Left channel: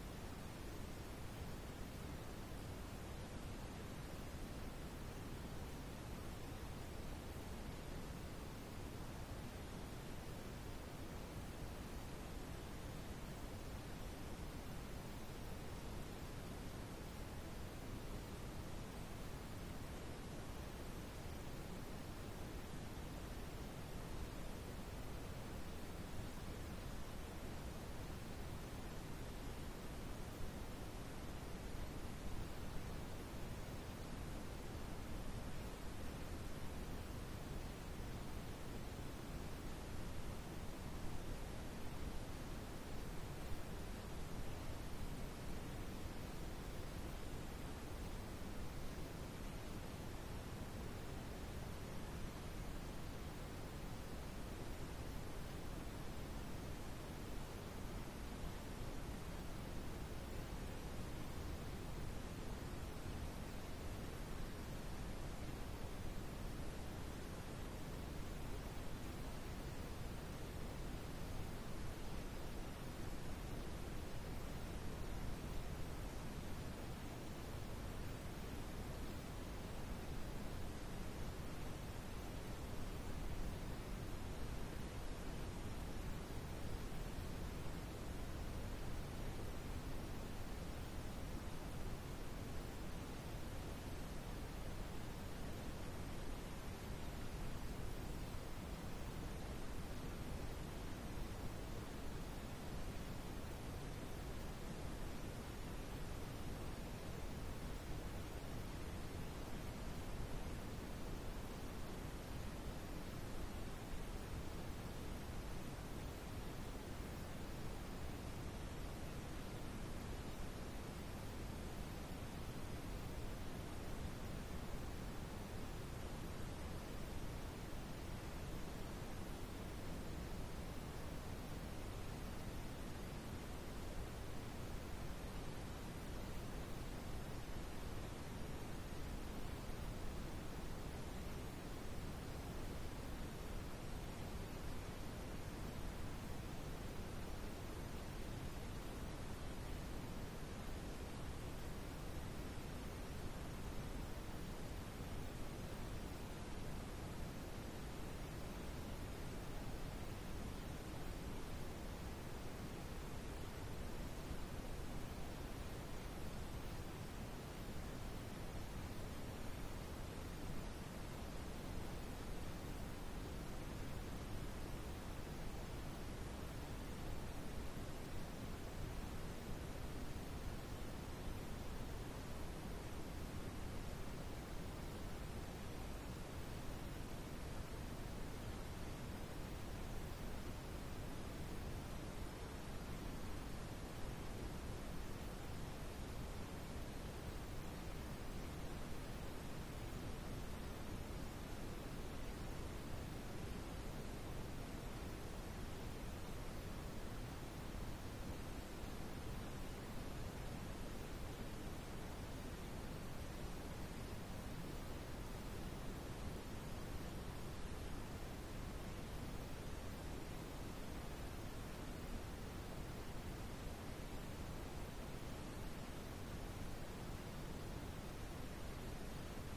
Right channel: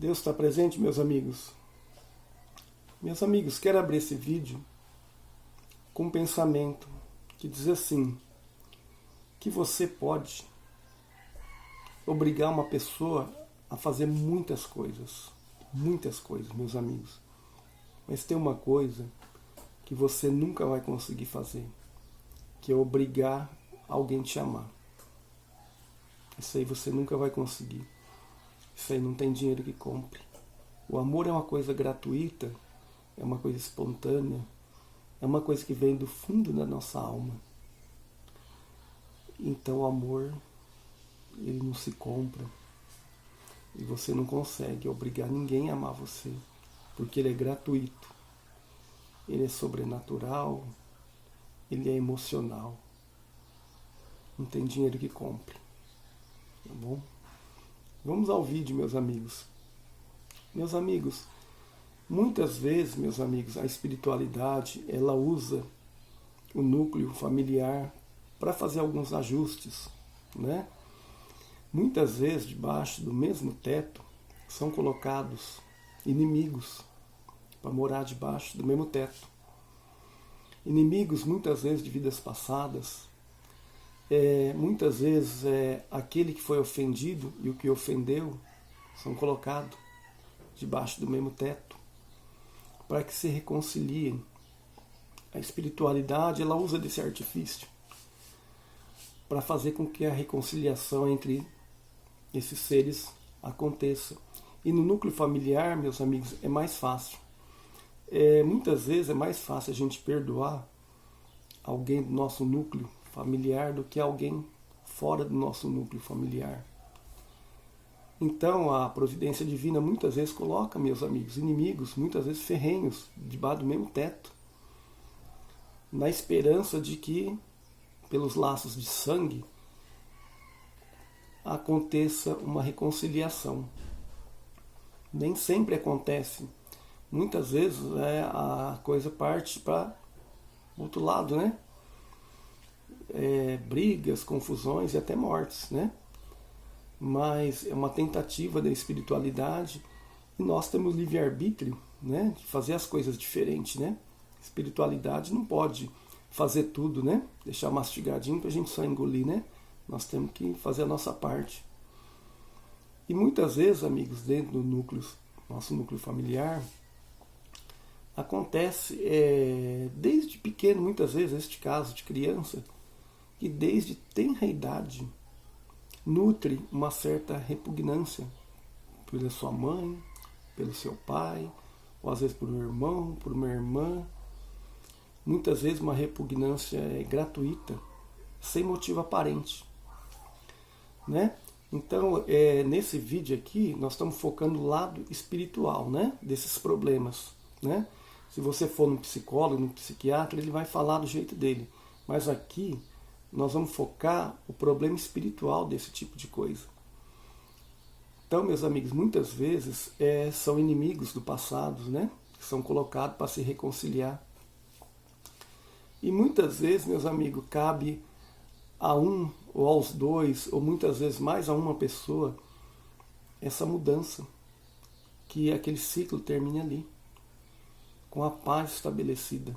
Deus está presente, meus amigos? Meus amigos, quero abrir esse vídeo com um pensamento que diz assim, que você pode obrigar uma pessoa a fazer muitas coisas, meus amigos. Mas tem uma coisa que você nunca vai conseguir fazer, que é obrigar alguém a te amar. Isso aí você nunca vai conseguir. Isso aí não tem dinheiro que compre. O amor é uma coisa gratuita, é uma coisa espontânea, é uma coisa que vem do fundo da nossa alma. Então o amor, ele não se compra. E você não consegue obrigar ninguém a amar você, porque ele é gratuito, ele é sobrenatural, ele é emocional. Não tem dinheiro que compre. Tá bom? Vamos ao vídeo, meus amigos. Meus amigos, muitas vezes, meus amigos, a espiritualidade, ela usa o núcleo familiar para fazer alguns ajustes, né? Muitas vezes, debaixo do mesmo teto, são colocados inimigos para morar debaixo do mesmo teto. Inimigos, muitas vezes, de vidas passadas. Muitas vezes, aquele que foi ofendido e o que ofendeu são colocados debaixo do mesmo teto para que se reconciliem. A espiritualidade, ela usa desse artifício para fazer com que a reconciliação entre esses seres aconteça. E no núcleo familiar, meus amigos, é mais fácil. Muitas vezes é mais fácil a gente perdoar alguém do nosso núcleo familiar do que alguém fora do nosso núcleo familiar. Então a providência divina muitas vezes coloca, meus amigos, inimigos, muitas vezes ferrenhos, debaixo do mesmo teto, na esperança de que, pelos laços de sangue, aconteça uma reconciliação. Nem sempre acontece. Muitas vezes a coisa parte para o outro lado, né? Brigas, confusões e até mortes, né? Mas é uma tentativa da espiritualidade e nós temos livre-arbítrio, né? De fazer as coisas diferentes, né? A espiritualidade não pode fazer tudo, né? Deixar mastigadinho para a gente só engolir, né? Nós temos que fazer a nossa parte. E muitas vezes, amigos, dentro do núcleo, nosso núcleo familiar, acontece desde pequeno, muitas vezes, este caso de criança, que desde tenra idade nutre uma certa repugnância pela sua mãe, pelo seu pai, ou às vezes por um irmão, por uma irmã. Muitas vezes uma repugnância gratuita, sem motivo aparente, né? Então, nesse vídeo aqui, nós estamos focando no lado espiritual, né? Desses problemas, né? Se você for no psicólogo, no psiquiatra, ele vai falar do jeito dele. Mas aqui, nós vamos focar o problema espiritual desse tipo de coisa. Então, meus amigos, muitas vezes são inimigos do passado, né? Que são colocados para se reconciliar. E muitas vezes, meus amigos, cabe a um ou aos dois, ou muitas vezes mais a uma pessoa, essa mudança, que aquele ciclo termine ali, com a paz estabelecida.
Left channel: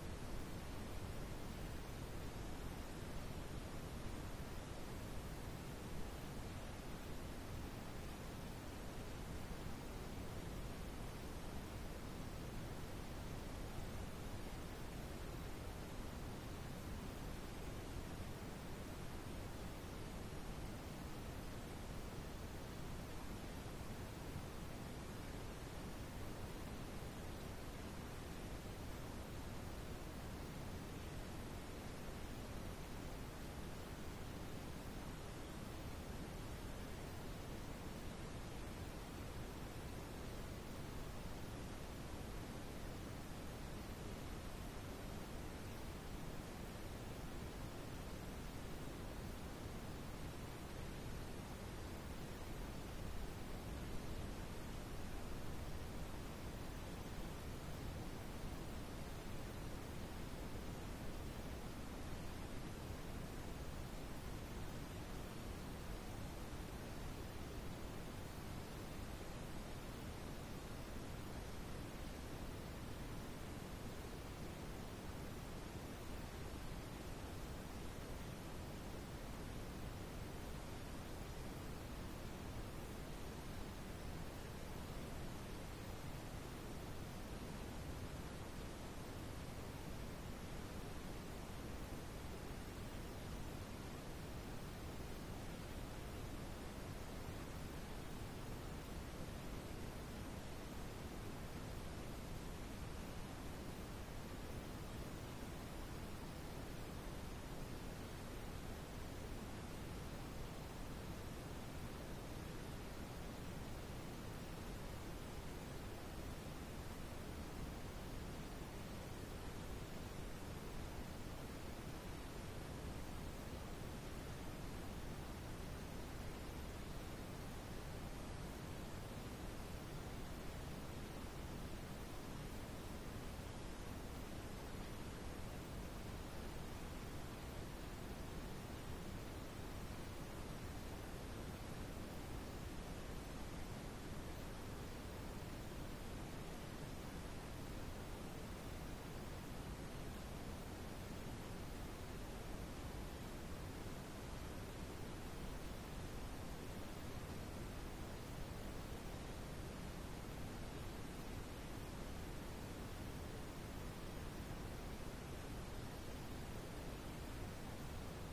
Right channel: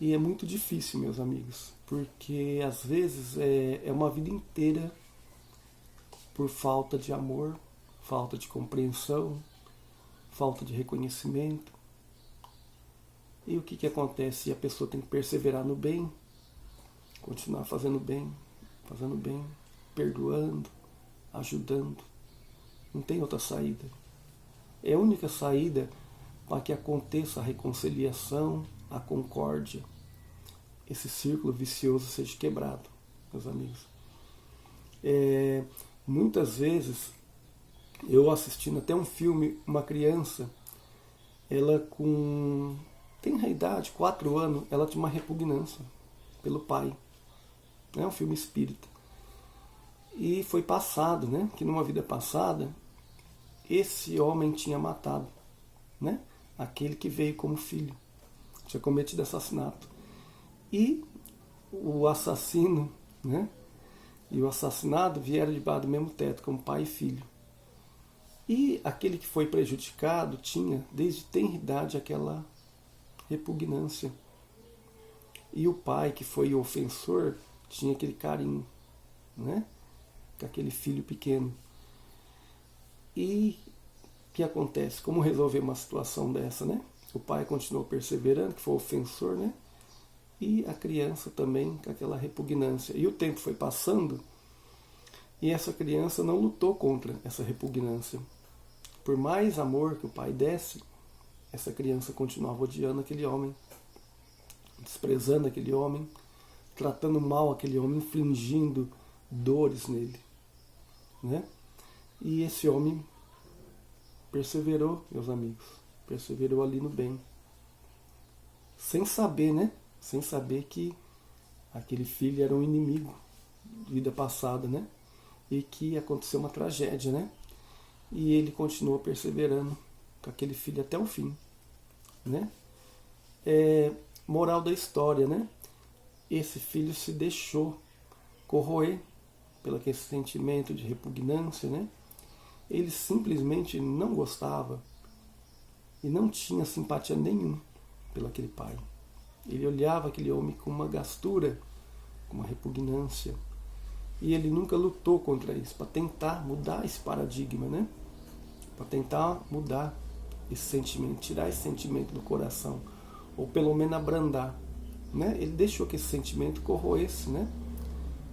E é muito difícil, meus amigos, porque às vezes é uma vida inteira por falta de amor, falta de compreensão, falta de reconhecimento. E o que acontece? A pessoa tem que perseverar no bem, continuar fazendo bem, perdoando, ajudando. Não tem outra saída. É a única saída para que aconteça a reconciliação, a concórdia, esse círculo vicioso seja quebrado, meus amigos. Muitas vezes, eu assistindo até um filme, uma criança, ela com tenra idade, 4 anos, ela tinha uma repugnância pelo pai. É um filme espírita. E foi passado, né, que numa vida passada, esse homem tinha matado, né, aquele que veio como filho, tinha cometido assassinato. E o assassino, né, e o assassinado vieram debaixo do mesmo teto, como pai e filho. E aquele que foi prejudicado tinha, desde tenra idade, aquela repugnância. E o pai, que foi o ofensor, tinha aquele carinho, né? Com aquele filho pequeno. E o que acontece? Como resolver uma situação dessa, né? O pai continuou perseverando, que foi o ofensor, né? E a criança também com aquela repugnância. E o tempo foi passando e essa criança não lutou contra essa repugnância. Por mais amor que o pai desse, essa criança continuava odiando aquele homem, desprezando aquele homem, tratando mal aquele homem, infligindo dores nele, né? E esse homem perseverou, meus amigos, perseverou ali no bem, sem saber, né? Sem saber que aquele filho era um inimigo de vida passada, né? E que aconteceu uma tragédia, né? E ele continuou perseverando com aquele filho até o fim, né? Moral da história, né? Esse filho se deixou corroer pelo aquele sentimento de repugnância, né? Ele simplesmente não gostava e não tinha simpatia nenhuma pelo aquele pai. Ele olhava aquele homem com uma gastura, com uma repugnância. E ele nunca lutou contra isso, para tentar mudar esse paradigma, né? Para tentar mudar esse sentimento, tirar esse sentimento do coração, ou pelo menos abrandar, né? Ele deixou que esse sentimento corroesse, né?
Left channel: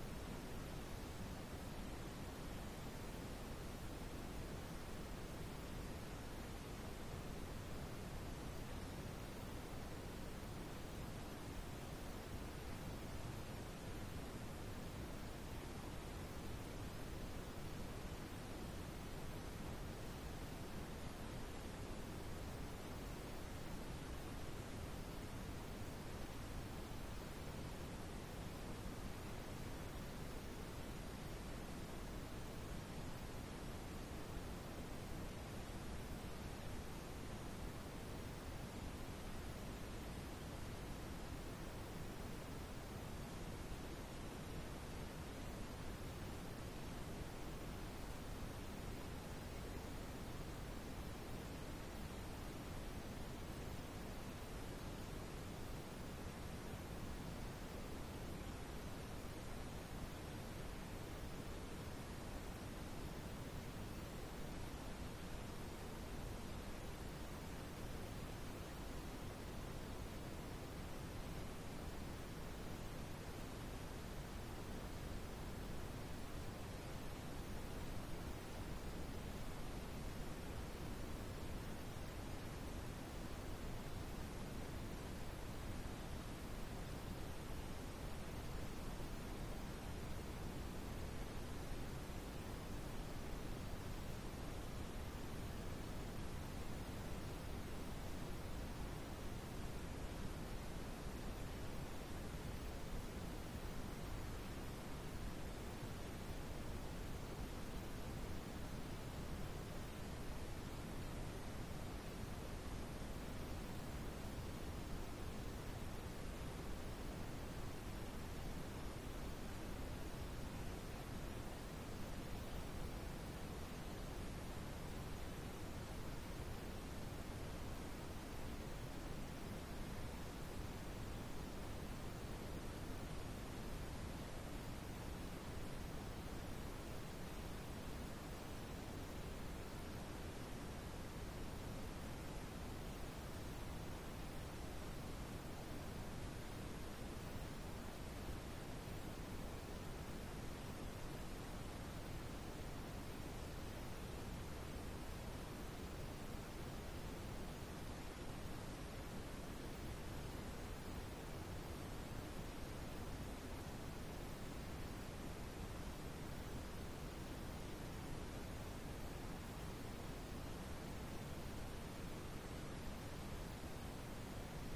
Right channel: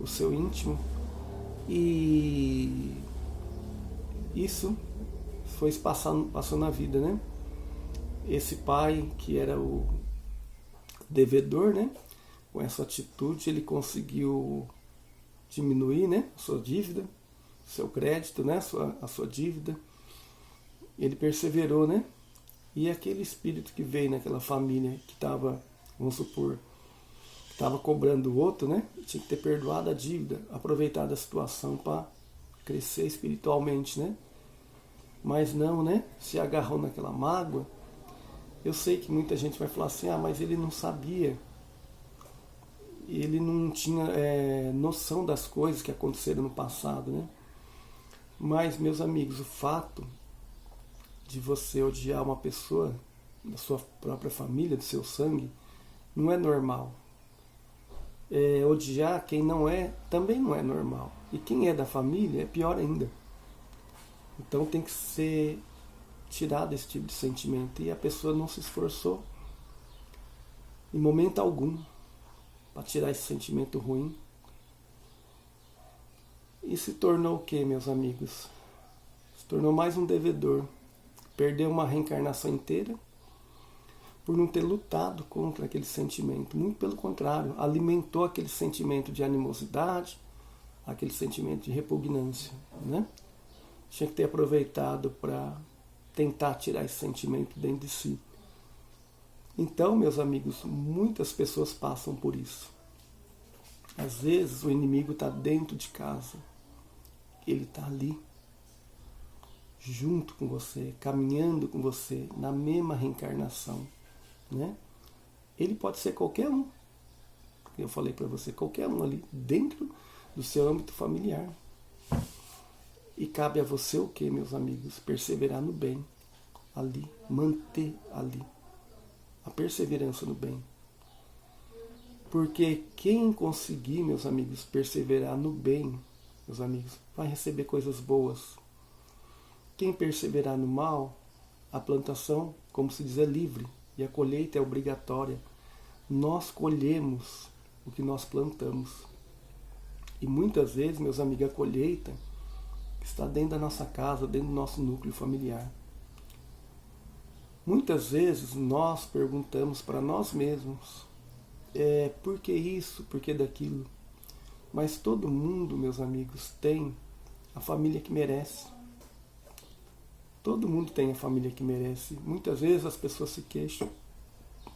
O seu íntimo, e isso foi passando na vida, né? Esse pai que era o devedor, né? Com essa atitude ele conseguiu diminuir, né? Sua dívida, seu crédito, né? A sua dívida. Ele perseverou, né? E aquele espírito que veio naquela família que estava, vamos supor, estava cobrando o outro, né? Tinha que ter perdoado a dívida, aproveitado a situação para crescer espiritualmente, né? Mas não, né? Se agarrou naquela mágoa. Eu sei que muita gente vai falar assim, mas ele não sabia, ele não tinha noção das coisas que aconteceram no passado, né? Mas, meus amigos, o fato de você odiar uma pessoa da sua própria família, do seu sangue, não é normal. Odiar quem não é, também não é normal. E quem é da família é pior ainda. Então tem que ser tirado esse tipo de sentimento. E a pessoa não se esforçou em momento algum para tirar esse sentimento ruim. E se tornou o que, meus amigos? Se tornou mais um devedor. Perdeu uma reencarnação inteira por não ter lutado contra aquele sentimento. Muito pelo contrário, alimentou aquele sentimento de animosidade, aquele sentimento de repugnância, né? Tinha que ter aproveitado para tentar tirar esse sentimento dentro de si. Então, meus amigos, muitas pessoas passam por isso. Às vezes o inimigo está dentro de casa, ele está ali, junto com você, caminhando com você, na mesma reencarnação, né? Ele pode ser qualquer um. Eu falei para você, qualquer um ali, dentro do seu âmbito familiar. E cabe a você o que, meus amigos? Perseverar no bem, ali, manter ali a perseverança no bem. Porque quem conseguir, meus amigos, perseverar no bem, meus amigos, vai receber coisas boas. Quem perseverar no mal, a plantação, como se diz, é livre e a colheita é obrigatória. Nós colhemos o que nós plantamos. E muitas vezes, meus amigos, a colheita está dentro da nossa casa, dentro do nosso núcleo familiar. Muitas vezes nós perguntamos para nós mesmos, por que isso, por que daquilo? Mas todo mundo, meus amigos, tem a família que merece. Todo mundo tem a família que merece. Muitas vezes as pessoas se queixam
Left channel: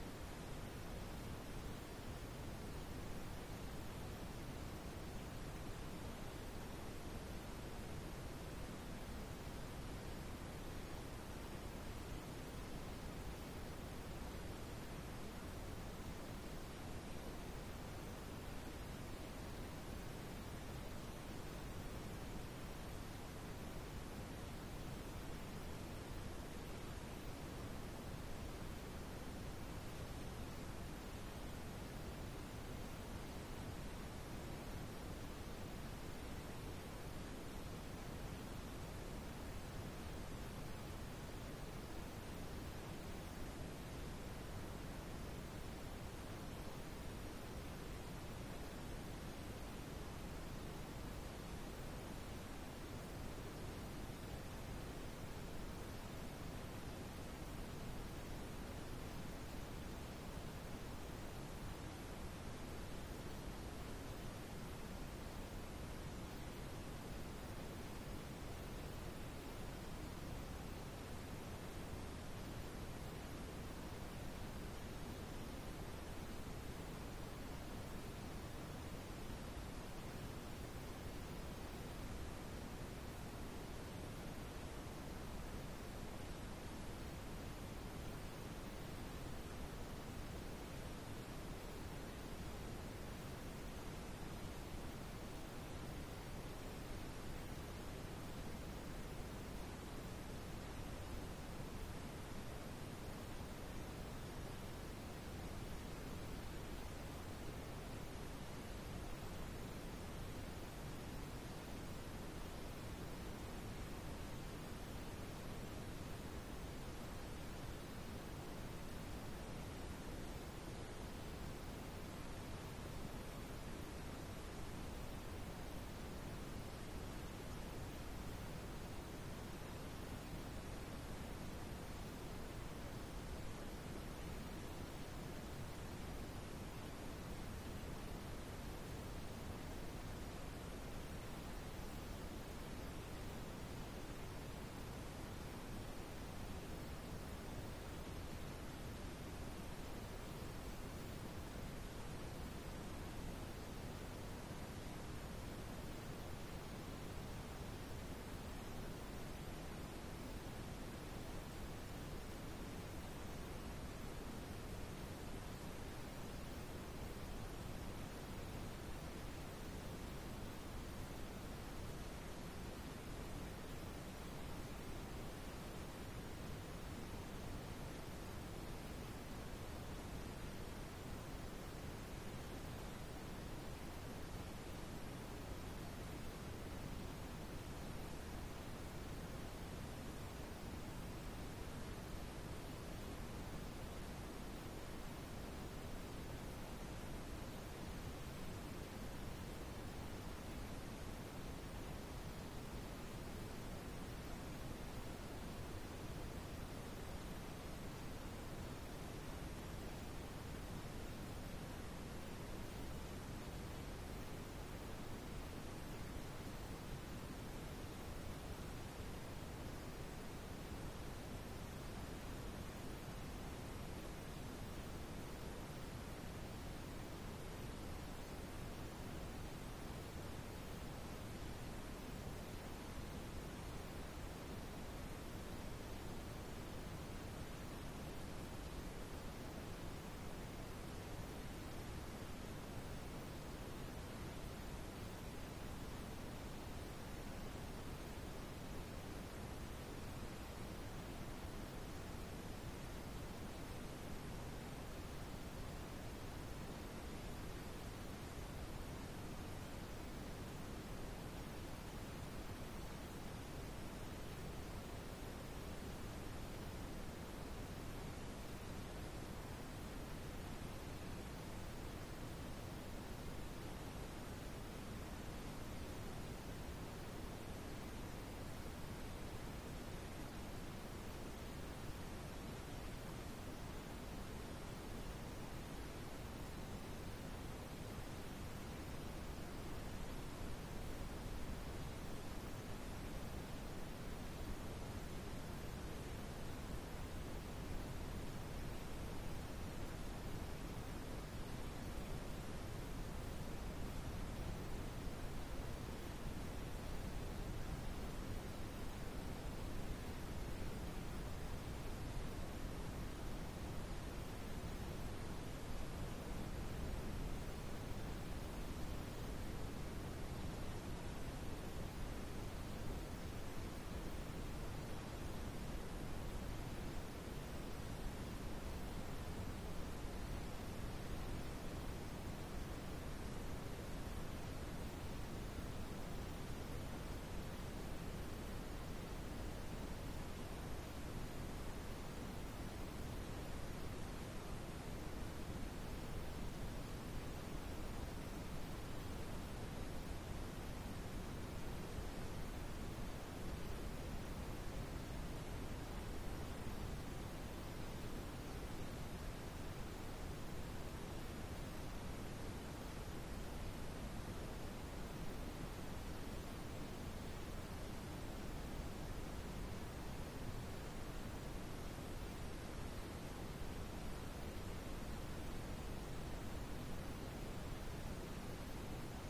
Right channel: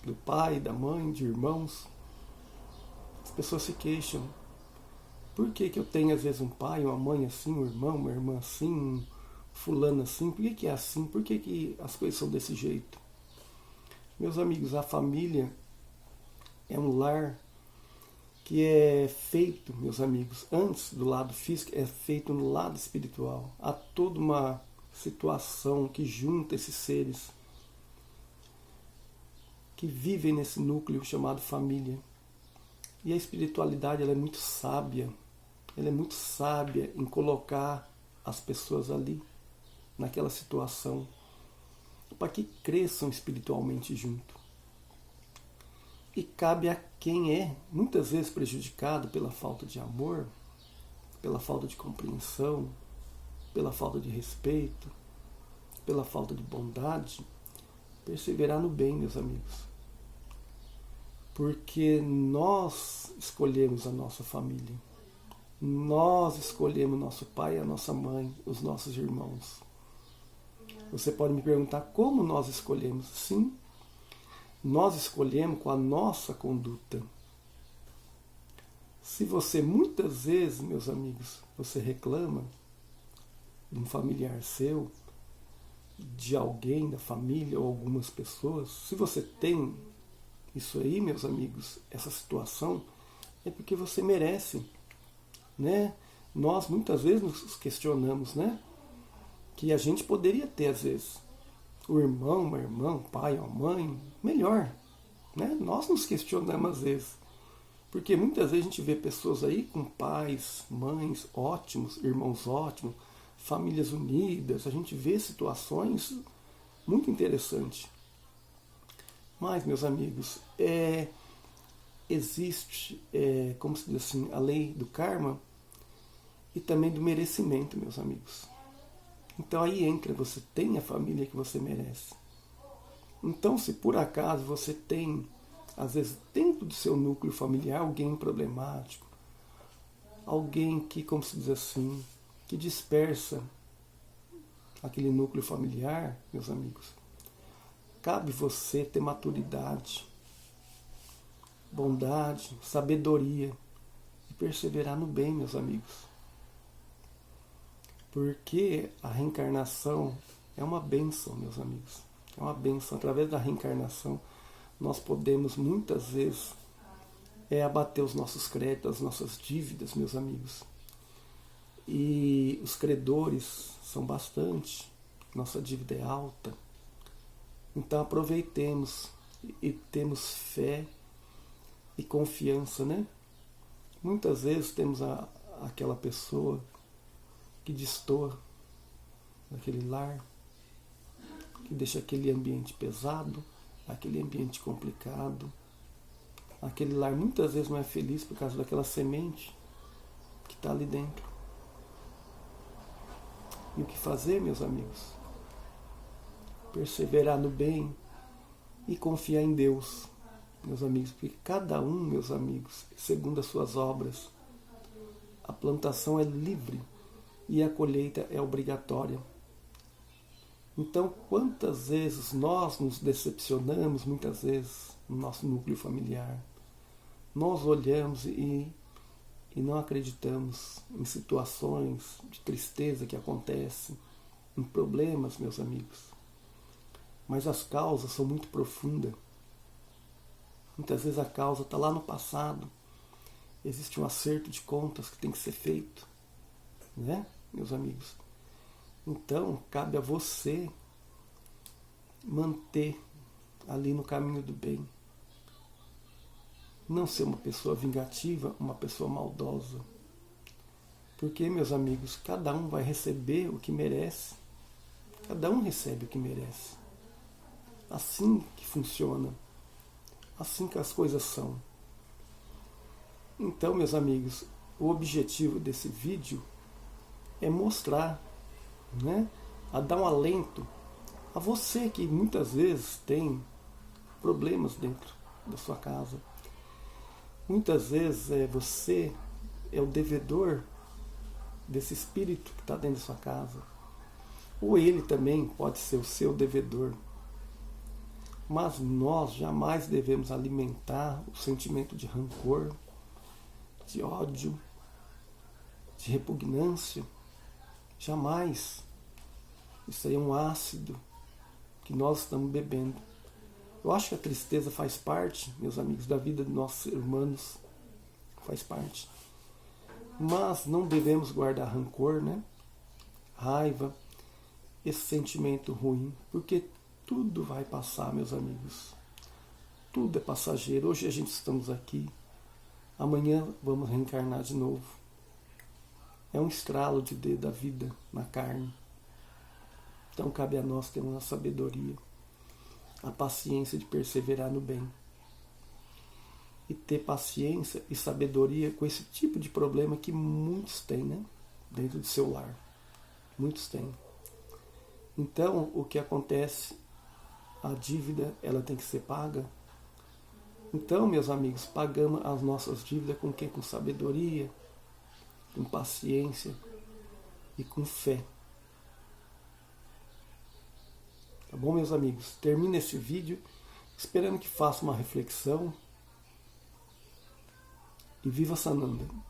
do pai, da mãe, de irmãos. As pessoas se queixam. Por que eu tenho às vezes um pai, uma mãe assim, um irmão, uma irmã assim, um fulano assim? Por que é assim? Por que as coisas são desse jeito? Meus amigos, a família é um lar que é feito, meus amigos, antes do lado físico, é feito no lado espiritual. Há toda uma situação que junta esses seres que vivem nesse núcleo chamado família. E a espiritualidade, ela é muito sábia. Ela é muito sábia em colocar as pessoas ali, naquela situação, para que cresçam espiritualmente junto. E cabe a quem é muitas vezes prejudicado pela falta de amor, pela falta de compreensão, pela falta de respeito, pela falta de bondade, perseverar no bem, meus amigos. Porque nós escolhemos a nossa família. Nós escolhemos nosso pai, a nossa mãe, os nossos irmãos. Você pode me perguntar como nós escolhemos? Sim, nós escolhemos com a nossa conduta. Se você muitas vezes, meus amigos, você reclama de um familiar seu, de alguém da família ou algumas pessoas, se você tem isso aí, meus amigos, essa situação, é porque você merece, né? Nós muitas vezes nos questionamos, né? Que a gente poderia ter, às vezes, o irmão, uma irmã, o pai, a mãe, melhor, né? Nós nos questionamos às vezes, porque muitas vezes a gente vê pessoas aí com pais, mães ótimos, irmãos ótimos, famílias unidas, a gente vê situações muito interessantes. Mas, meus amigos, existe, como se diz assim, a lei do karma e também do merecimento, meus amigos. Então aí entra, você tem a família que você merece. Então, se por acaso você tem, às vezes, dentro do seu núcleo familiar, alguém problemático, alguém que, como se diz assim, que dispersa aquele núcleo familiar, meus amigos, cabe você ter maturidade, bondade, sabedoria e perseverar no bem, meus amigos. Porque a reencarnação é uma bênção, meus amigos. É uma bênção. Através da reencarnação, nós podemos muitas vezes abater os nossos créditos, as nossas dívidas, meus amigos. E os credores são bastante, nossa dívida é alta. Então aproveitemos e temos fé e confiança, né? Muitas vezes temos aquela pessoa que destoa aquele lar, que deixa aquele ambiente pesado, aquele ambiente complicado. Aquele lar muitas vezes não é feliz por causa daquela semente que está ali dentro. E o que fazer, meus amigos? Perseverar no bem e confiar em Deus, meus amigos, porque cada um, meus amigos, segundo as suas obras, a plantação é livre e a colheita é obrigatória. Então, quantas vezes nós nos decepcionamos, muitas vezes, no nosso núcleo familiar, nós olhamos e não acreditamos em situações de tristeza que acontecem, em problemas, meus amigos. Mas as causas são muito profundas. Muitas vezes a causa está lá no passado. Existe um acerto de contas que tem que ser feito, né, meus amigos? Então, cabe a você manter ali no caminho do bem. Não ser uma pessoa vingativa, uma pessoa maldosa. Porque, meus amigos, cada um vai receber o que merece. Cada um recebe o que merece. Assim que funciona. Assim que as coisas são. Então, meus amigos, o objetivo desse vídeo é mostrar, né, a dar um alento a você que muitas vezes tem problemas dentro da sua casa. Muitas vezes você é o devedor desse espírito que está dentro da sua casa. Ou ele também pode ser o seu devedor. Mas nós jamais devemos alimentar o sentimento de rancor, de ódio, de repugnância. Jamais. Isso aí é um ácido que nós estamos bebendo. Eu acho que a tristeza faz parte, meus amigos, da vida dos nossos seres humanos. Faz parte. Mas não devemos guardar rancor, né? Raiva. esse sentimento ruim, porque tudo vai passar, meus amigos. Tudo é passageiro. Hoje a gente estamos aqui, amanhã vamos reencarnar de novo. É um estralo de dedo da vida na carne. Então cabe a nós ter uma sabedoria, a paciência de perseverar no bem. E ter paciência e sabedoria com esse tipo de problema que muitos têm, né? Dentro do seu lar. Muitos têm. Então, o que acontece? A dívida, ela tem que ser paga. Então, meus amigos, pagamos as nossas dívidas com quê? Com sabedoria, com paciência e com fé. Tá bom, meus amigos? Termino esse vídeo esperando que faça uma reflexão e viva Sananda.